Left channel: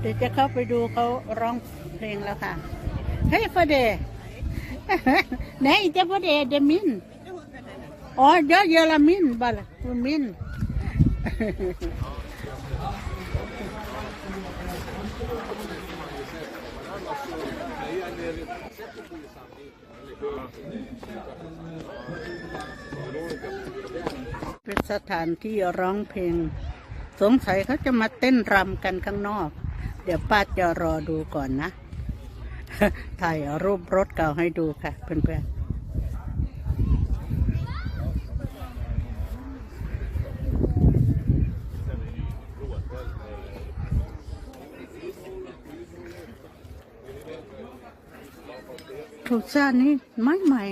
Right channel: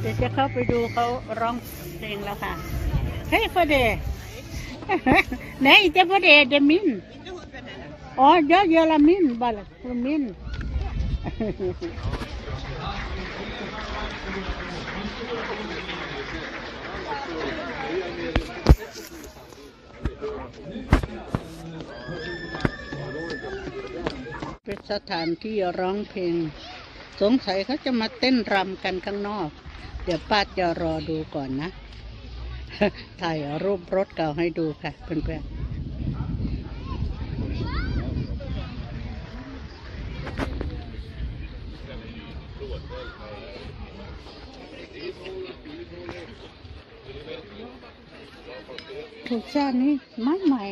เดี๋ยวจะเข้าไปดูเขาร้องเพลงแล้วค่ะ เฮ้ยฟอเดไหนจะฟอเดเดมิน อ๋อเยอะเยอรมินบาลฟูมินเป็นสถานที่ร้องเพลง สงสัยเขาจะมาเต้นรำกันข้างนอก เดี๋ยวป้าจะรอดูก่อนนะ ถ่ายรูปรถเก่าให้ดูค่ะเพื่อนๆถูกจ้านี้ไม่ใหม่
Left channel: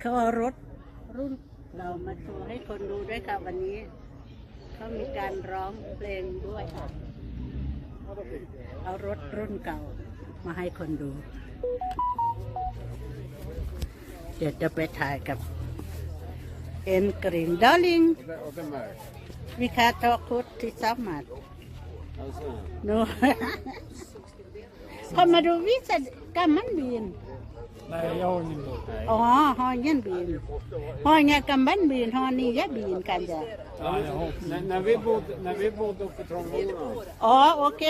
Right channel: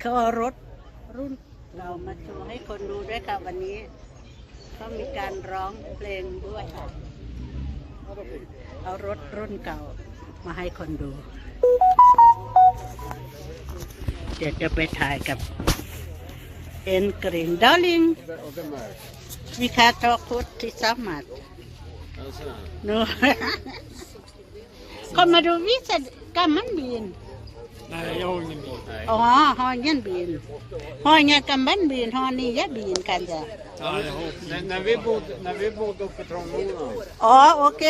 เขาเอารถรุ่นเรามาโชว์ให้คนดูด้วยค่ะวันนี้เขามีการร้องเพลงด้วยค่ะ เอารถรุ่นเก่ามาให้คนดู เดี๋ยวจะไปถ่ายกับเอ็นกรีนดอลลิง Och vem är det? วิคาทอคุดที่สามัด Alltså, นูคนมาดู วิสัยกรรมมันบิน nej, jag har ingen bil. อ๋อฮอยันบินฮอเนี่ยกำบันบินฮอนี่ยะบินกันจ้ะ när, när, vi bodde, när vi bodde uppe i Trångboden, อ๋อโอเค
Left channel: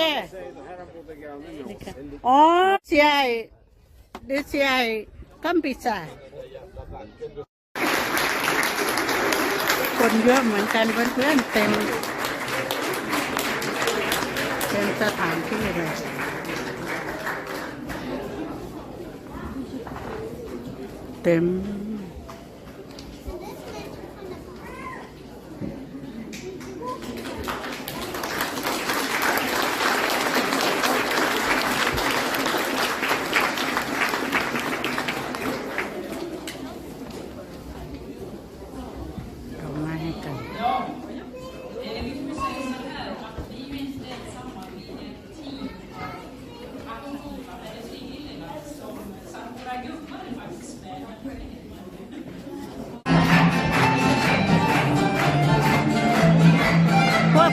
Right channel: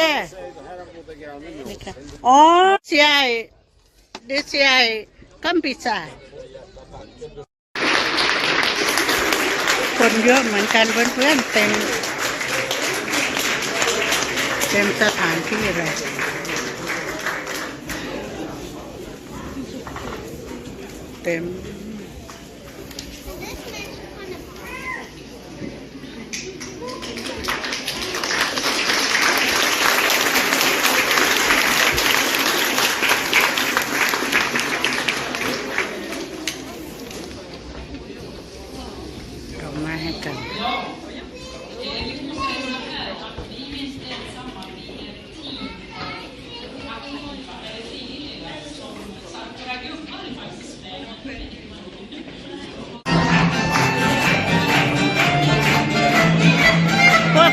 här bodde grannen min. อ๋อเสียเดเสียกัมพิซาคนเยอะเหมือนกันเพื่อนๆเต็ม เต็มสถานที่เลย เ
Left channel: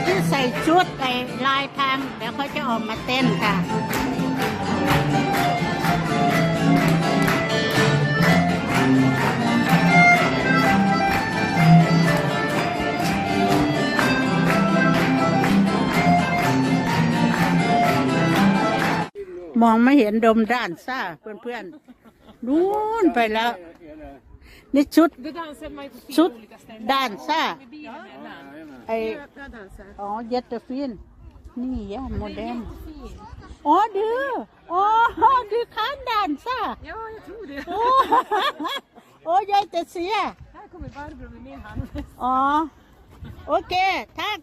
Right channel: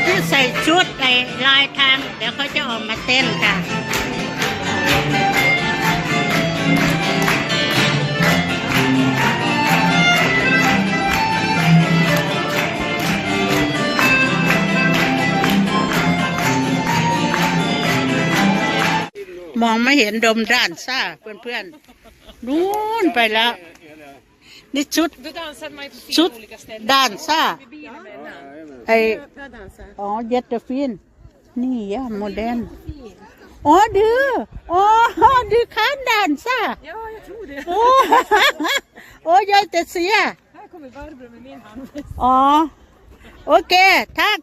พวกที่ใส่ชุดไอ้ลายทาง เดี๋ยวเขาจะออกมาเต้นค่ะมองไม่เห็นดมด้านซ่าเพื่อนๆนู้นไปแล้ว นี่ชุด Då dansade man ju på ชุด fyra olika ställen. ด้านซ่า Bilen med en annan. ไอ Jag dansar. อ๋อเยตเตอร์ฟินนี่ยะโมเดร์นอ๋อดืออ๋อดือค้านด่านซ่า Ja, jag tror det. โอ้โอ้ยายแต่เสีย Här kommer Barbro med min hand. อ๋อโอเคทัก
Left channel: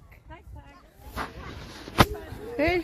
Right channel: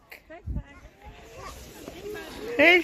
เฮ้ย